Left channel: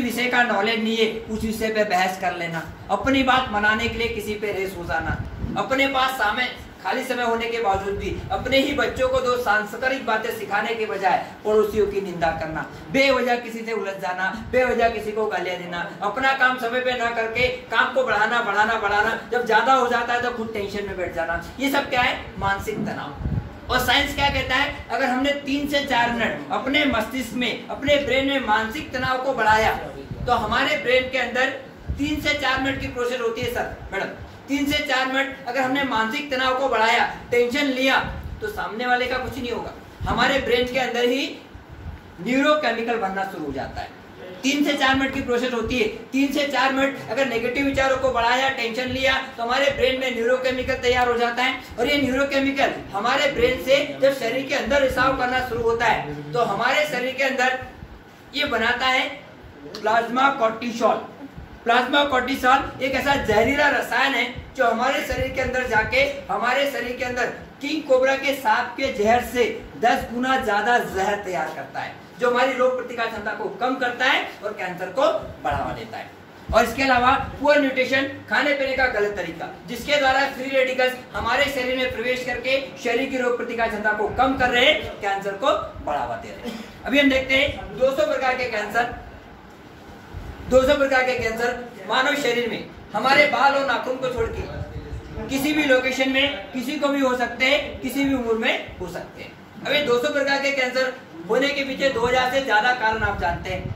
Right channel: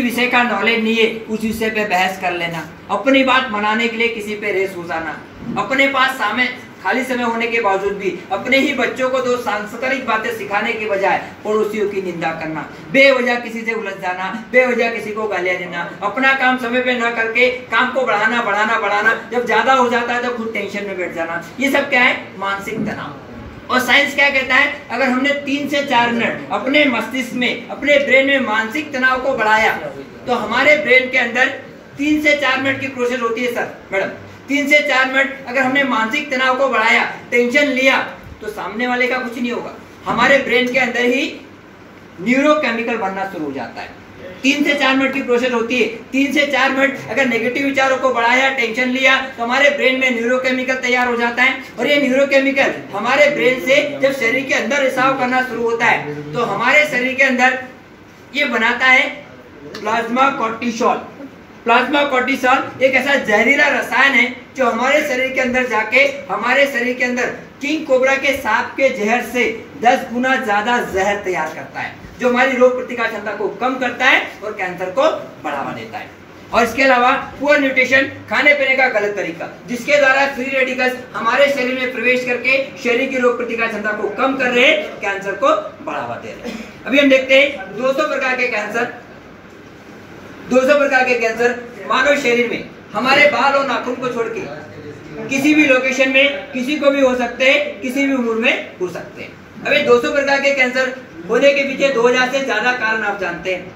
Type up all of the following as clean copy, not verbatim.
विषय का नॉलेज नहीं है उस विषय पे बहस कर लेना, अपनी बात मनाने के लिए किसी पे रेस हो जाना, अपने पास सामने खाली समय होने के बावजूद भी अपने ही बच्चों को दो सांस्कृतिक बातें सिखाने के बजाय पड़ोसियों की निंदा करना, बेवजह किसी से उलझ जाना, बेवजह किसी को गालियां देना, अपना काम समय पे ना करके काम को बढ़ाना, जब ज्यादा हो जाता है तो खुद टेंशन में बैठ जाना। ये सब क्या है? मानसिक तनाव। और साइंस क्या कहता है? अगर हमने 3 से 4 मिनट अपने मस्तिष्क में, अपने ब्रेन में मानसिक तनाव को बढ़ाया तो हमारे ब्रेन के अंदर 3 से 4 मिनट की प्रोसेस होती है सर मैडम। 3 से 4 मिनट अगर हमने मानसिक तनाव को बढ़ाया, टेंशन लिया, तो सामने वाले का कुछ नहीं होगा, हमारे ब्रेन के अंदर ही न्यूरोकेमिकल बनना शुरू हो जाता है। 3 से 4 मिनट की प्रोसेस होती है। 3 से 4 मिनट अगर नेगेटिव विचारों को बढ़ाया, टेंशन लिया, तो हमारे ब्रेन में न्यूरोकेमिकल तैयार हो जाता है। और ये न्यूरोकेमिकल हमारे ब्रेन से जब शरीर के अंदर रिसाव करना शुरू होता है तो हमारे शरीर के अंदर ये बनाता है प्लाज्मा कॉर्टिसोल। प्लाज्मा कॉर्टिसोल एक ऐसा जहरीला रसायन है जो हमारे शरीर के अंदर जाके हमारे शरीर के अंदर किंग कोबरा के सांप के जहर से 10 गुना ज्यादा जहर तैयार करता है, जो हमारी रोग प्रतिकार क्षमता को कम करता है और कैंसर को बढ़ावा देता है। और इसके अलावा पुअर न्यूट्रिशन, खाने पीने का गलत तरीका, जिसके द्वारा फ्री रेडिकल्स हमारे शरीर में प्रवेश करके शरीर की रोग प्रतिकार क्षमता को कम कर रहे हैं, कैंसर को बढ़ावा दे रहे हैं। अभी हम देखते हैं 200 प्रकार के कैंसर। 200 प्रकार के कैंसर मानव शरीर में हमारे बाल और नाखून को छोड़ के किसी भी लोकेशन में किसी को भी हो सकते हैं, किसी भी उम्र में हो सकते हैं। अभी 200 प्रकार के कैंसर होने के पीछे 2000 से ज्यादा कारण आप जानते हैं,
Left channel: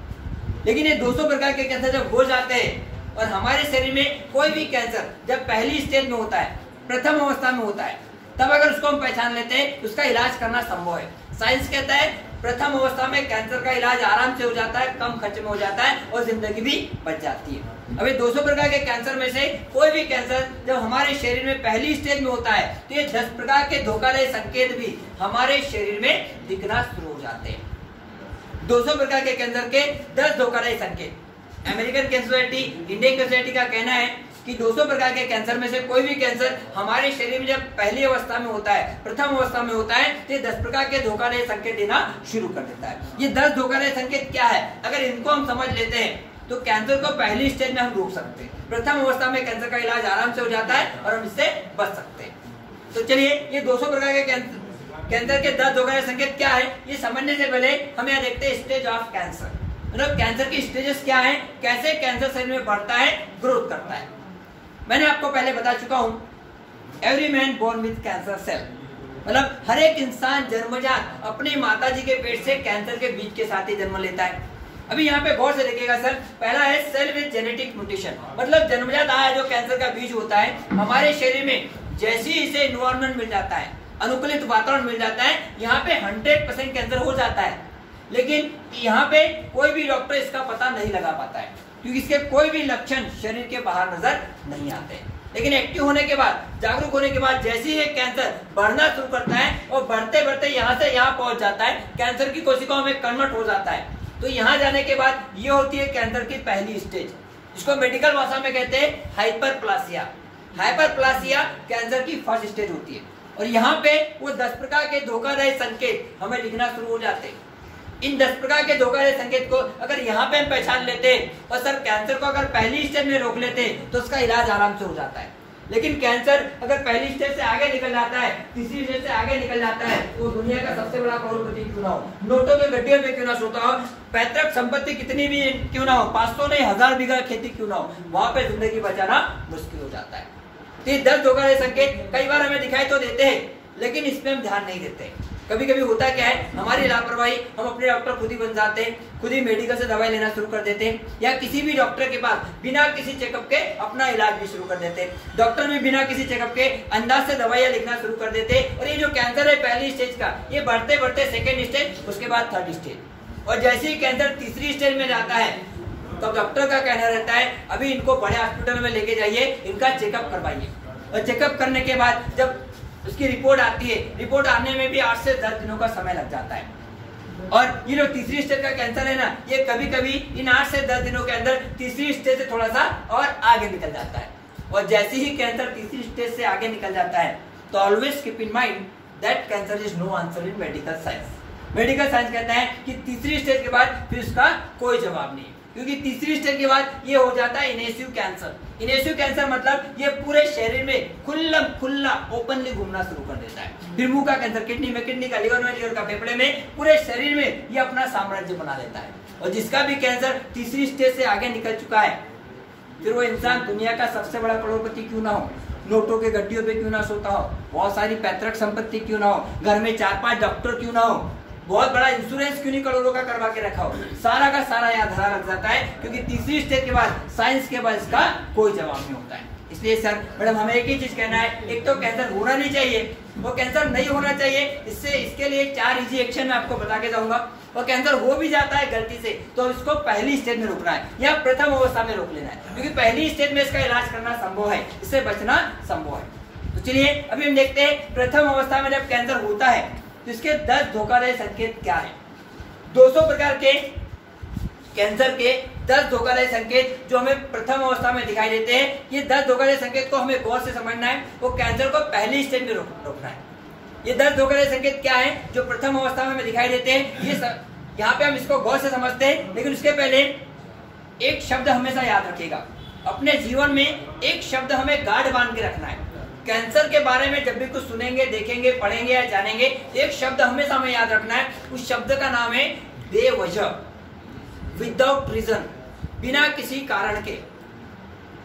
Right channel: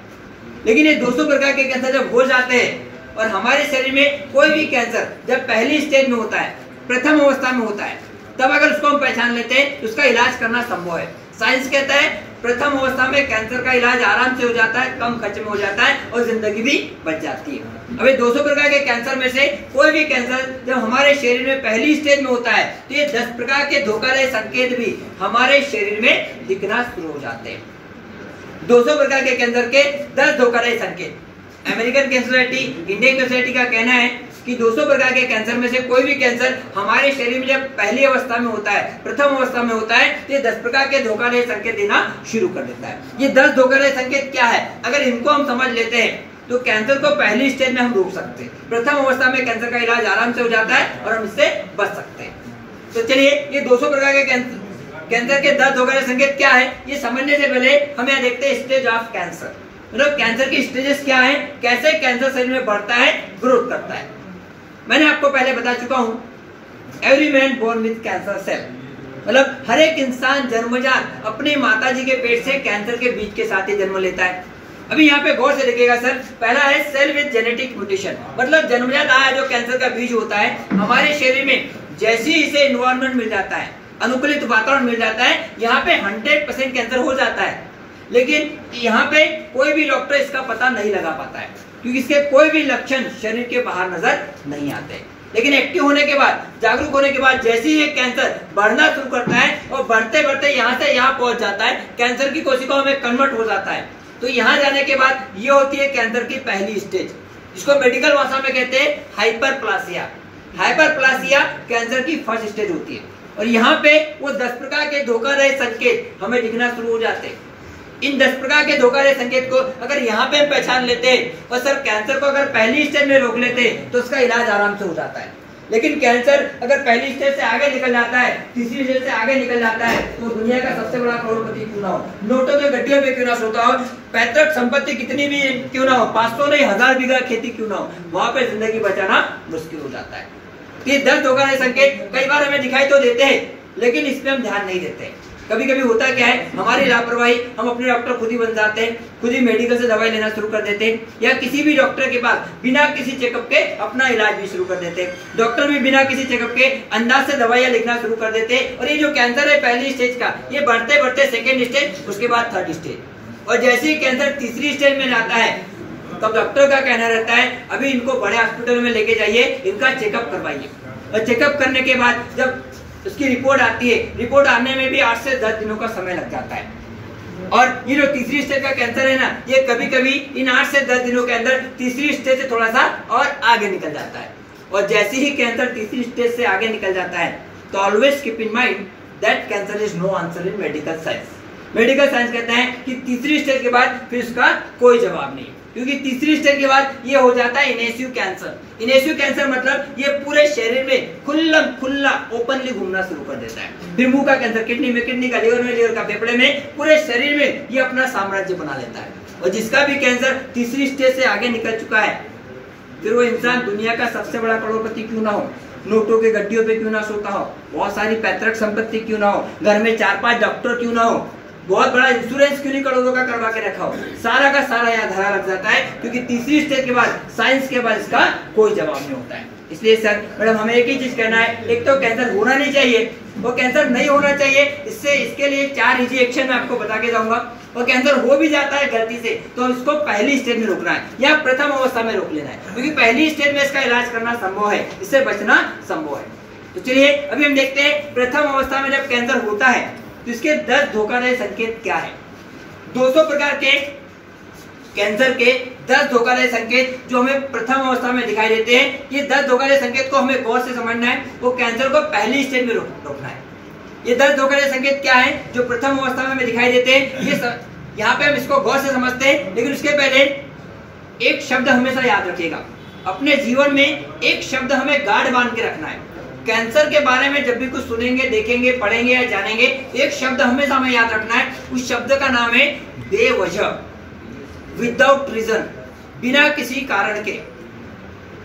लेकिन ये 200 प्रकार के कैंसर जब हो जाते हैं और हमारे शरीर में कोई भी कैंसर जब पहली स्टेज में होता है, प्रथम अवस्था में होता है, तब अगर उसको हम पहचान लेते हैं तो उसका इलाज करना संभव है। साइंस कहता है प्रथम अवस्था में कैंसर का इलाज आराम से हो जाता है, कम खर्च में हो जाता है और जिंदगी भी बच जाती है। अभी 200 प्रकार के कैंसर में से कोई भी कैंसर जब हमारे शरीर में पहली स्टेज में होता है तो ये 10 प्रकार के धोखाधड़ी संकेत भी हमारे शरीर में दिखना शुरू हो जाते हैं। 200 प्रकार के कैंसर के 10 धोखाधड़ी संकेत। American cancer society, Indian cancer society का कहना है कि 200 प्रकार के कैंसर में से कोई भी कैंसर हमारे शरीर में जब पहली अवस्था में होता है, प्रथम अवस्था में होता है, तो ये 10 प्रकार के धोखाधड़ी संकेत देना शुरू कर देता है। ये 10 धोखाधड़ी संकेत क्या है? अगर इनको हम समझ लेते हैं तो कैंसर को पहली स्टेज में हम रोक सकते हैं। प्रथम अवस्था में कैंसर का इलाज आराम से हो जाता है और हम इससे बच सकते हैं। तो चलिए, ये 200 प्रकार के कैंसर के 10 धोखाधड़ी संकेत क्या है, ये समझने से पहले हम यहाँ देखते हैं स्टेज ऑफ कैंसर। मतलब कैंसर की स्टेजेस क्या है, कैसे कैंसर शरीर में बढ़ता है, ग्रोथ करता है। मैंने आपको पहले बता चुका हूं, every man born with cancer cell, मतलब हर एक इंसान जन्मजात अपनी माताजी के पेट से कैंसर के बीज के साथ ही जन्म लेता है। अभी यहाँ पे गौर से देखिएगा सर, पहला है सेल विद जेनेटिक म्यूटेशन, मतलब जन्मजात आया जो कैंसर का बीज होता है, हमारे शरीर में जैसे ही इसे एनवायरनमेंट मिल जाता है, अनुकूलित वातावरण मिल जाता है, यहाँ पे 100% कैंसर हो जाता है। लेकिन यहाँ पे कोई भी डॉक्टर इसका पता नहीं लगा पाता है क्योंकि इसके कोई भी लक्षण शरीर के बाहर नजर नहीं आते। लेकिन एक्टिव होने के बाद, जागरूक होने के बाद जैसे ही कैंसर बढ़ना शुरू करता है और बढ़ते बढ़ते यहाँ से यहाँ पहुंच जाता है, कैंसर की कोशिकाओं में कन्वर्ट हो जाता है। तो यहाँ जाने के बाद ये होती है कैंसर की पहली स्टेज, जिसको मेडिकल भाषा में कहते हैं हाइपरप्लासिया। हाइपरप्लासिया कैंसर की फर्स्ट स्टेज होती है और यहाँ पे वो 10 प्रकार के धोखाधड़ी संकेत हमें दिखना शुरू हो जाते हैं। इन 10 प्रकार के धोखाधड़ी संकेत को अगर यहाँ पे हम पहचान लेते हैं और सर कैंसर को अगर पहली स्टेज में रोक लेते हैं तो उसका इलाज आराम से हो जाता है। लेकिन कैंसर अगर पहली स्टेज से आगे निकल जाता है, तीसरी स्टेज से आगे निकल जाता है, तो दुनिया का सबसे बड़ा करोड़पति क्यों ना हो, नोटों के गड्ढियों में क्यों ना सोता हो, पैतृक संपत्ति कितनी भी क्यों ना हो, 500 नहीं 1000 बीघा खेती क्यों ना हो, वहां पे जिंदगी बचाना मुश्किल हो जाता है। तो ये 10 धोखाधड़ी संकेत कई बार हमें दिखाई तो देते हैं, लेकिन इसमें हम ध्यान नहीं देते। कभी कभी होता क्या है, हमारी लापरवाही, हम अपने डॉक्टर खुद ही बन जाते हैं, खुद ही मेडिकल से दवाई लेना शुरू कर देते हैं, या किसी भी डॉक्टर के पास बिना किसी चेकअप के अपना इलाज भी शुरू कर देते हैं। डॉक्टर भी बिना किसी चेकअप के अंदाज से दवाइयां लिखना शुरू कर देते हैं। और ये जो कैंसर है पहली स्टेज का, ये बढ़ते बढ़ते सेकेंड स्टेज, उसके बाद थर्ड स्टेज, और जैसे ही कैंसर तीसरी स्टेज में जाता है तो डॉक्टर का कहना रहता है अभी इनको बड़े हॉस्पिटल में लेके जाइए, इनका चेकअप करवाइए। और चेकअप करने के बाद जब उसकी रिपोर्ट आती है, रिपोर्ट आने में भी 8 से 10 दिनों का समय लग जाता है। और ये जो तीसरी स्टेज का कैंसर है ना, ये कभी कभी इन 8 से 10 दिनों के अंदर तीसरी स्टेज से थोड़ा सा और आगे निकल जाता है। और जैसे ही कैंसर तीसरी स्टेज से आगे निकल जाता है तो always keep in mind that cancer is no answer in medical science. Medical science कहता है कि तीसरी स्टेज के बाद फिर उसका कोई जवाब नहीं। क्योंकि तीसरी स्टेज के बाद ये हो जाता है इनेसिव कैंसर। इनेसिव कैंसर मतलब ये पूरे शरीर में खुला ओपनली घूमना शुरू कर देता है। फिर मुंह का कैंसर, किडनी में, किडनी का लिवर में, लिवर का फेफड़े में, पूरे शरीर में ये अपना साम्राज्य बना लेता है। और जिसका भी कैंसर तीसरी स्टेज से आगे निकल चुका है, फिर वो इंसान दुनिया का सबसे बड़ा करोड़पति क्यों ना हो, नोटों के गड्डियों पे क्यों ना सोता हो, बहुत सारी पैतृक संपत्ति क्यों ना हो, घर में 4-5 डॉक्टर क्यों ना हो, बहुत बड़ा इंश्योरेंस क्यों नहीं करोड़ों का करवा के रखा हो, सारा का सारा यहाँ धरा लग जाता है। क्योंकि तीसरी स्टेज के बाद साइंस के बाद इसका कोई जवाब नहीं होता है। इसलिए सर मैडम हमें एक ही चीज कहना है, एक तो कैंसर होना नहीं चाहिए, वो कैंसर नहीं होना चाहिए। इसके लिए 4 इजी एक्शन मैं आपको बता के जाऊंगा। और कैंसर हो भी जाता है गलती से तो इसको पहली स्टेज में रोकना है या प्रथम अवस्था में रोक लेना है, क्योंकि पहली स्टेज में इसका इलाज करना संभव है, इससे बचना संभव है। तो चलिए अभी हम देखते हैं प्रथम अवस्था में जब कैंसर होता है तो इसके 10 धोखादायक संकेत क्या है। 200 प्रकार के कैंसर के 10 धोखादायक संकेत जो हमें प्रथम अवस्था में दिखाई देते हैं, ये 10 धोखादायक संकेत को हमें गौर से समझना है, वो कैंसर को पहली स्टेज में रोकना है। ये 10 धोखादायक संकेत क्या है जो प्रथम अवस्था में हमें दिखाई देते हैं, ये यहाँ पे हम इसको गौर से समझते हैं। लेकिन उसके पहले एक शब्द हमेशा याद रखिएगा, अपने जीवन में एक शब्द हमें गाढ़ बांध के रखना है। कैंसर के बारे में जब भी कुछ सुनेंगे, देखेंगे, पढ़ेंगे या जानेंगे, एक शब्द हमेशा हमें याद रखना है। उस शब्द का नाम है बेवजह, विदाउट रीजन, बिना किसी कारण के,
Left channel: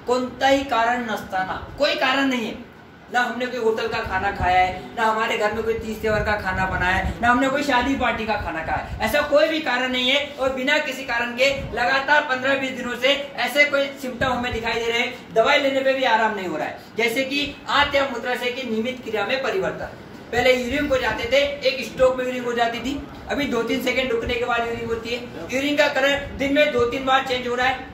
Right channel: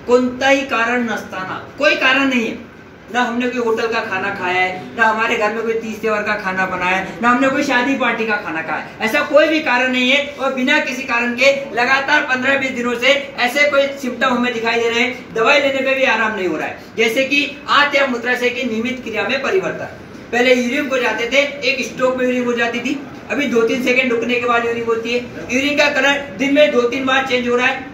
कोणताही कारण नसताना, कोई कारण नहीं है, ना हमने कोई होटल का खाना खाया है, ना हमारे घर में कोई 30 त्योहार का खाना बना है, ना हमने कोई शादी पार्टी का खाना खाया है, ऐसा कोई भी कारण नहीं है। और बिना किसी कारण के लगातार 15-20 दिनों से ऐसे कोई सिम्टम हमें दिखाई दे रहे हैं, दवाई लेने पे भी आराम नहीं हो रहा है, जैसे कि आंत या मूत्राशय की नियमित क्रिया में परिवर्तन। पहले यूरिन हो जाते थे, एक स्ट्रोक में यूरिन हो जाती थी, अभी 2-3 सेकंड रुकने के बाद यूरिन होती है। यूरिन का कलर दिन में 2-3 बार चेंज हो रहा है,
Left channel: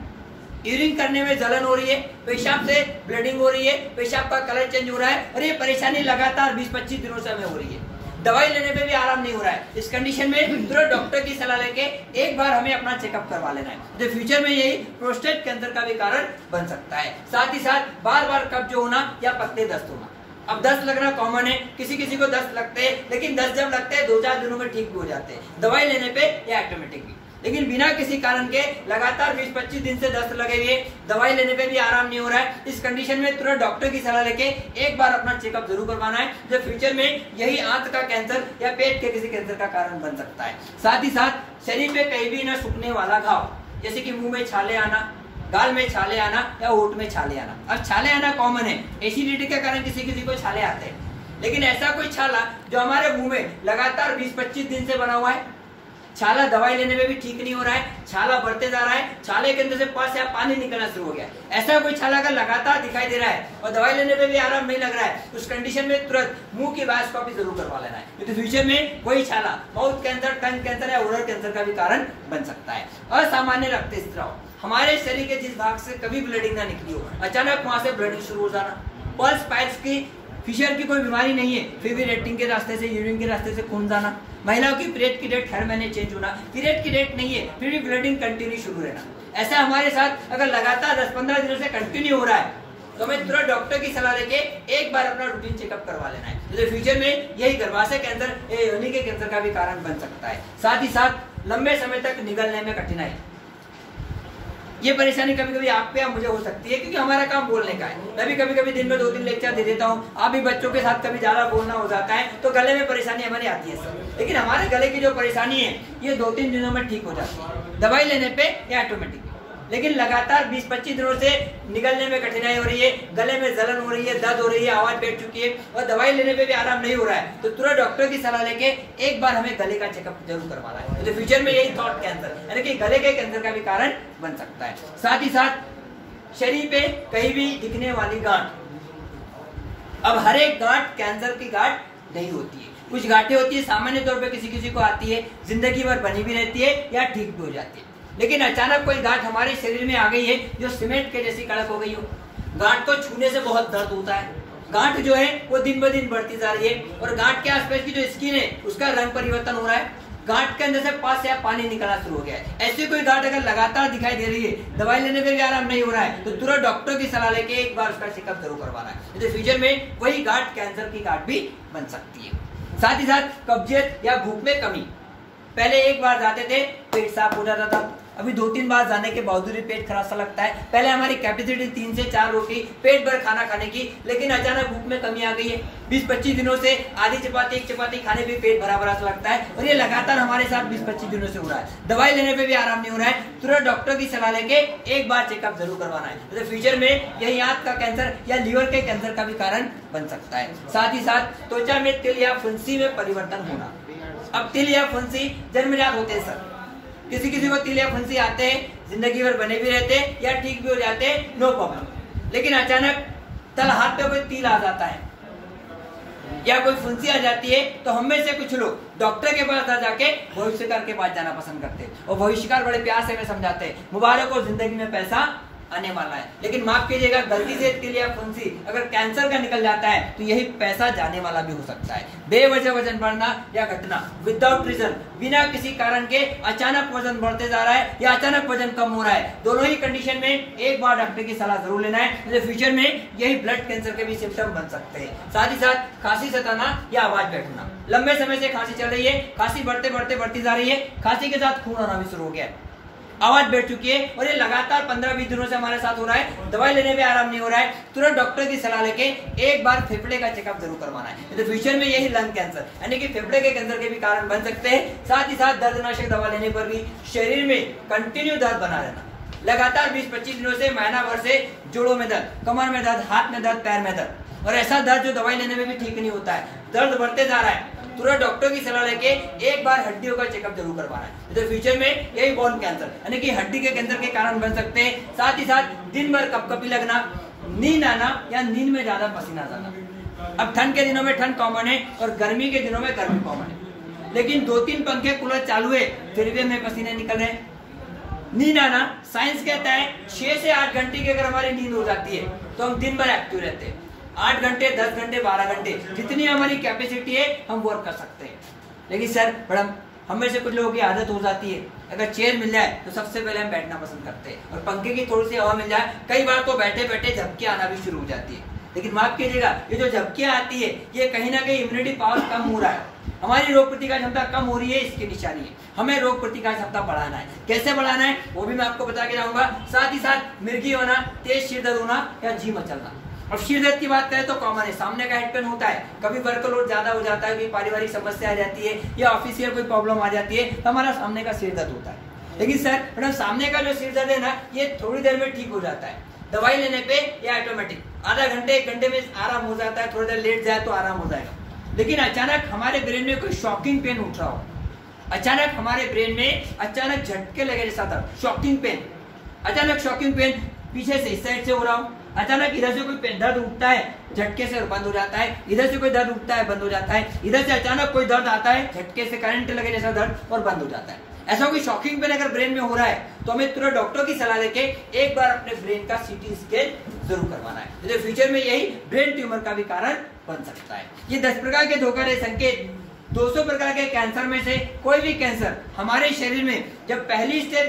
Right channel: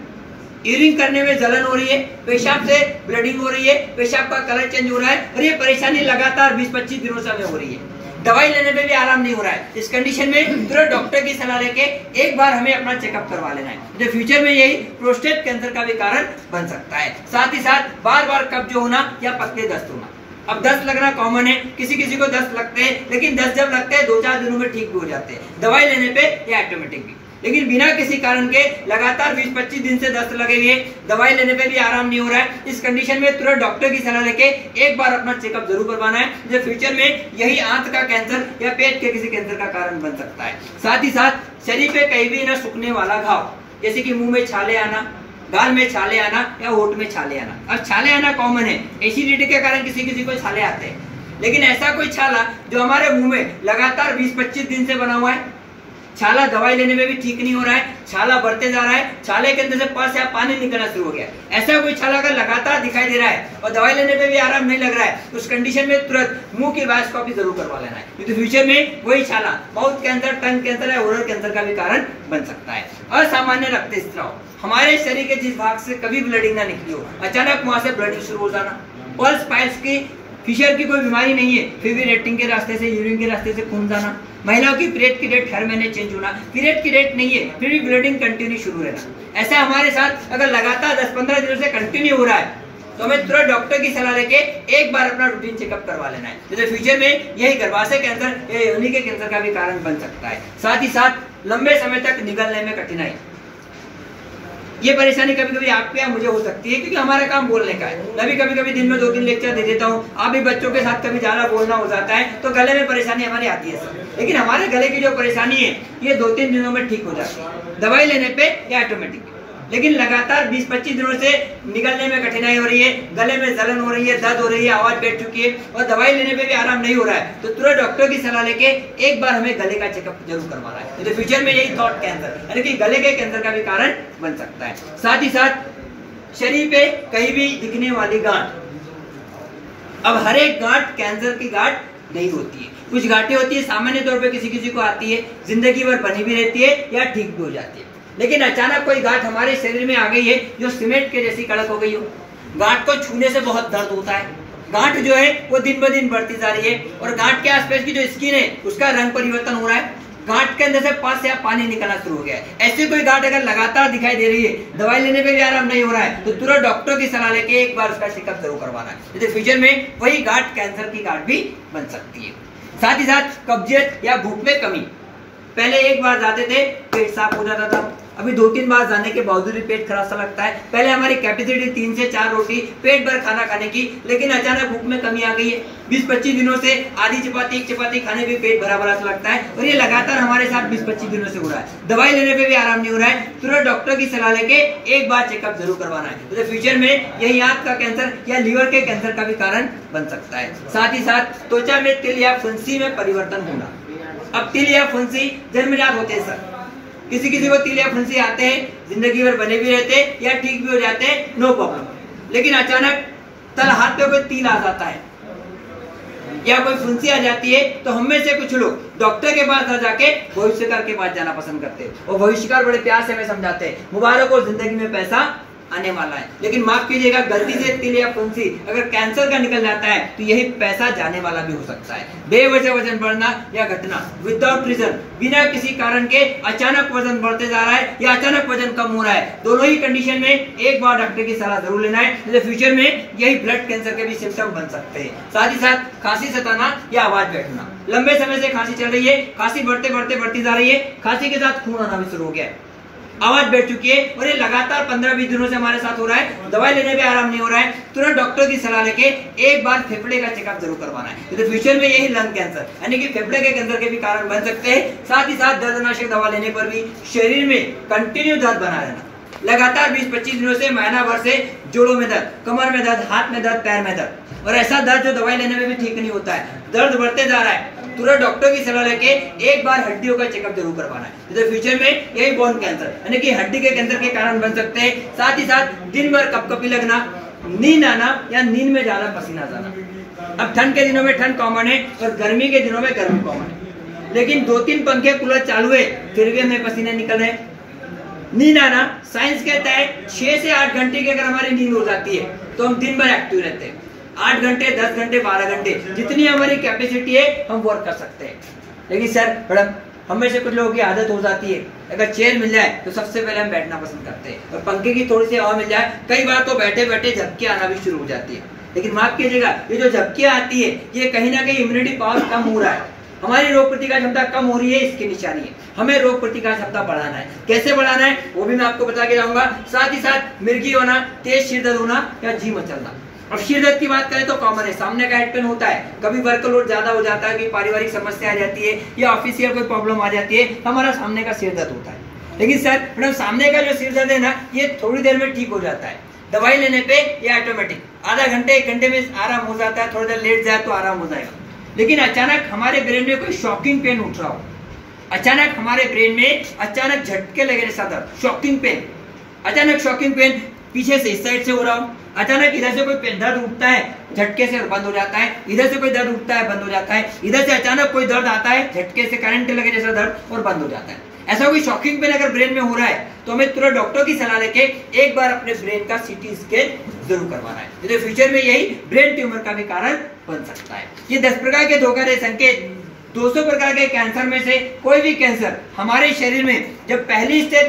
यूरिन करने में जलन हो रही है, पेशाब से ब्लडिंग हो रही है, पेशाब का कलर चेंज हो रहा है, और ये परेशानी लगातार 20-25 दिनों से हमें हो रही है। दवाई लेने में भी आराम नहीं हो रहा है। इस कंडीशन में तुरंत डॉक्टर की सलाह लेके एक बार हमें अपना चेकअप करवा लेना है, तो फ्यूचर में यही प्रोस्टेट कैंसर का भी कारण बन सकता है। साथ ही साथ बार बार कब्ज होना या पतले दस्त होना। अब दस्त लगना कॉमन है, किसी किसी को दस्त लगते हैं, लेकिन दस्त जब लगते हैं 2-4 दिनों में ठीक भी हो जाते हैं, दवाई लेने पे या ऑटोमेटिक भी। लेकिन बिना किसी कारण के लगातार 20-25 दिन से दस्त लगे हुए, दवाई लेने पे भी आराम नहीं हो रहा है, इस कंडीशन में तुरंत डॉक्टर की सलाह लेके एक बार अपना चेकअप जरूर करवाना है, जो फ्यूचर में यही आंत का कैंसर या पेट के किसी कैंसर का कारण बन सकता है। साथ ही साथ शरीर पे कहीं भी न सूखने वाला घाव, जैसे कि मुंह में छाले आना, गाल में छाले आना या होठ में छाले आना। अब छाले आना कॉमन है, एसिडिटी के कारण किसी किसी को छाले आते हैं, लेकिन ऐसा कोई छाला जो हमारे मुंह में लगातार 20-25 दिन से बना हुआ है, छाला दवाई लेने में भी ठीक नहीं हो रहा है, छाला बढ़ते जा रहा है, छाले के अंदर से पस या पानी निकलना शुरू हो गया, ऐसा कोई छाला अगर लगातार दिखाई दे रहा है और दवाई लेने पे भी आराम नहीं लग रहा है, उस कंडीशन में तुरंत मुंह की वाइस्कोपी जरूर करवा लेना है, तो फ्यूचर में वही छाला माउथ कैंसर, टंग कैंसर या ओरल कैंसर का भी कारण बन सकता है। असामान्य रक्तस्राव, हमारे शरीर के जिस भाग से कभी ब्लडिंग ना निकली हो, अचानक वहां से ब्लडिंग शुरू हो जाना। पल्स पाइल्स की फिशर की कोई बीमारी नहीं है, फिर भी रेटिंग के रास्ते से, यूरिन के रास्ते से खून जाना। महिलाओं की पीरियड की डेट हर महीने चेंज होना, पीरियड की डेट नहीं है फिर भी ब्लीडिंग कंटिन्यू शुरू रहना। ऐसा हमारे साथ अगर लगातार 10-15 दिनों से कंटिन्यू हो रहा है तो हमें तुरंत डॉक्टर की सलाह लेके एक बार अपना रूटीन चेकअप करवा लेना है, जैसे फ्यूचर में यही गर्भाशय कैंसर या योनि के कैंसर का भी कारण बन सकता है। साथ ही साथ लंबे समय तक निगलने में कठिनाई, ये परेशानी कभी कभी आपके या मुझे हो सकती है, क्योंकि हमारा काम बोलने का है। मैं भी कभी कभी दिन में 2-3 लेक्चर दे देता हूँ, आप भी बच्चों के साथ कभी ज्यादा बोलना हो जाता है तो गले में परेशानी हमारी आती है सर। लेकिन हमारे गले की जो परेशानी है ये 2-3 दिनों में ठीक हो जाती है दवाई लेने पे या ऑटोमेटिक। लेकिन लगातार 20-25 दिनों से निगलने में कठिनाई हो रही है, गले में जलन हो रही है, दर्द हो रही है, आवाज बैठ चुकी है और दवाई लेने पे भी आराम नहीं हो रहा है, तो तुरंत डॉक्टर की सलाह लेके एक बार हमें गले का चेकअप जरूर करवाना है, तो फ्यूचर में यही थ्रोट कैंसर यानी कि गले के कैंसर का भी कारण बन सकता है। साथ ही साथ शरीर पे कहीं भी दिखने वाली गांठ, अब हर एक गांठ कैंसर की गांठ नहीं होती है, कुछ गांठें होती है सामान्य तौर पे किसी किसी को आती है, जिंदगी भर बनी भी रहती है या ठीक भी हो जाती है। लेकिन अचानक कोई गांठ हमारे शरीर में आ गई है जो सीमेंट के जैसी कड़क हो गई हो, गांठ को छूने से बहुत दर्द होता है, गांठ जो है वो दिन ब दिन बढ़ती जा रही है और गांठ के आसपास की जो स्किन है उसका रंग परिवर्तन हो रहा है, गांठ के अंदर से पस या पानी निकलना शुरू हो गया है। ऐसी कोई गांठ अगर लगातार दिखाई दे रही है, दवाई लेने पे भी आराम नहीं हो रहा है, तो तुरंत डॉक्टर की सलाह लेके एक बार उसका चेकअप जरूर करवाना है, जैसे फ्यूचर में वही गांठ कैंसर की गांठ भी बन सकती है। साथ ही साथ कब्जियत या भूख में कमी, पहले एक बार जाते थे पेट साफ हो जाता था, अभी 2-3 बार जाने के बावजूद भी पेट खराब सा लगता है। पहले हमारी कैपेसिटी 3 से 4 रोटी पेट भर खाना खाने की, लेकिन अचानक भूख में कमी आ गई है। 20-25 दिनों से आधी चपाती, एक चपाती खाने भी पेट भरा भरा सा लगता है, और ये लगातार हमारे साथ 20-25 दिनों से हो रहा है। दवाई लेने पे भी आराम नहीं हो रहा है। तुरंत डॉक्टर की सलाह लेके एक बार चेकअप जरूर करवाना है, तो फ्यूचर में यही आंत का कैंसर या लीवर के कैंसर का भी कारण बन सकता है। साथ ही साथ त्वचा में तिल या फुंसी में परिवर्तन होना। अब तिल या फुंसी जन्मजात होते हैं सर, किसी को तिल या फुंसी आते हैं, जिंदगी भर बने भी रहते हैं या ठीक भी हो जाते हैं, नो प्रॉब्लम। लेकिन अचानक तल हाथ पे कोई तिल आ जाता है या कोई फुंसी आ जाती है, तो हम में से कुछ लोग डॉक्टर के पास ना जाके भविष्यकार के पास जाना पसंद करते हैं, और भविष्यकार बड़े प्यार से हमें समझाते हैं, मुबारक हो, जिंदगी में पैसा आने वाला है। लेकिन माफ कीजिएगा, गलती से तिल या फुंसी अगर कैंसर का निकल जाता है तो यही पैसा जाने वाला भी हो सकता है। बेवजह वजन बढ़ना या घटना, विदाउट रीजन, बिना किसी कारण के अचानक वजन बढ़ते जा रहा है या अचानक वजन कम हो रहा है, दोनों ही कंडीशन में एक बार डॉक्टर की सलाह जरूर लेना है, तो फ्यूचर में यही ब्लड कैंसर के भी सिम्टम बन सकते हैं। साथ ही साथ खांसी सताना या आवाज बैठना, लंबे समय से खांसी चल रही है, खांसी बढ़ती जा रही है, खांसी के साथ खून आना भी शुरू हो गया है, आवाज बैठ चुकी है, और ये लगातार 15-20 दिनों से हमारे साथ हो रहा है, दवाई लेने में आराम नहीं हो रहा है, तुरंत डॉक्टर की सलाह लेके एक बार फेफड़े का चेकअप जरूर करवाना है, तो फ्यूचर में यही लंग कैंसर यानी कि फेफड़े के कैंसर के भी कारण बन सकते हैं। साथ ही साथ दर्दनाशक दवा लेने पर भी शरीर में कंटिन्यू दर्द बना रहना, लगातार 20-25 दिनों से, महीना भर से जोड़ों में दर्द, कमर में दर्द, हाथ में दर्द, पैर में दर्द, और ऐसा दर्द जो दवाई लेने में भी ठीक नहीं होता है, दर्द बढ़ते जा रहा है, तुरंत डॉक्टर की सलाह लेके एक बार हड्डियों का चेकअप जरूर करवाना है, तो फ्यूचर में यही बोन कैंसर यानी कि हड्डी के कैंसर के कारण बन सकते हैं। साथ ही साथ दिन भर कपकपी लगना, नींद आना या नींद में ज्यादा पसीना जाना। अब ठंड के दिनों में ठंड कॉमन है और गर्मी के दिनों में गर्मी कॉमन है, लेकिन 2-3 पंखे कूलर चालू है फिर भी हमें पसीने निकल रहे हैं। नींद आना, साइंस कहता है 6 से 8 घंटे की अगर हमारी नींद हो जाती है तो हम दिन भर एक्टिव रहते हैं। 8 घंटे, 10 घंटे, 12 घंटे, जितनी हमारी कैपेसिटी है हम वर्क कर सकते हैं। लेकिन सर मैडम, हमें से कुछ लोगों की आदत हो जाती है, अगर चेयर मिल जाए तो सबसे पहले हम बैठना पसंद करते हैं, और पंखे की थोड़ी सी हवा मिल जाए, कई बार तो बैठे बैठे झपकी आना भी शुरू हो जाती है। लेकिन माफ कीजिएगा, ये जो झपकियां आती है ये कहीं ना कहीं इम्यूनिटी पावर कम हो रहा है, हमारी रोग प्रतिकार क्षमता कम हो रही है, इसकी निशानी है। हमें रोग प्रतिकार क्षमता बढ़ाना है, कैसे बढ़ाना है वो भी मैं आपको बता के जाऊंगा। साथ ही साथ मिर्गी होना, तेज सिर दर्द होना या जी मचलना। और सिर दर्द की बात करें तो कॉमन है, सामने का हेड पेन होता है, कभी वर्कलोड ज्यादा हो जाता है, कि पारिवारिक समस्या आ जाती है या ऑफिशियल कोई प्रॉब्लम आ जाती है, हमारा सामने का सिर दर्द होता है। लेकिन सर मैडम, सामने का जो सिर दर्द है ना, ये थोड़ी देर में ठीक हो जाता है, दवाई लेने पे ये ऑटोमेटिक आधा घंटे 1 घंटे में आराम हो जाता है, थोड़ी देर लेट जाए तो आराम हो जाएगा। लेकिन अचानक हमारे ब्रेन में कोई शॉकिंग पेन उठ रहा हो, अचानक हमारे ब्रेन में अचानक झटके लगे जैसा दर्द, शॉकिंग पेन, अचानक शॉकिंग पेन पीछे से इस साइड से हो रहा हो, अचानक इधर से कोई दर्द उठता है झटके से और बंद हो जाता है, इधर से कोई दर्द उठता है बंद हो जाता है, इधर से अचानक कोई दर्द आता है झटके से करंट लगे जैसा दर्द और बंद हो जाता है, ऐसा कोई शॉकिंग पेन अगर ब्रेन में हो रहा है तो हमें तुरंत डॉक्टर की सलाह लेके एक बार अपने ब्रेन का सीटी स्कैन जरूर करवाना है, तो फ्यूचर में यही ब्रेन ट्यूमर का भी कारण बन सकता है। ये 10 प्रकार के धोखाधड़ी संकेत, 200 प्रकार के कैंसर में से कोई भी कैंसर हमारे शरीर में जब पहली स्टेज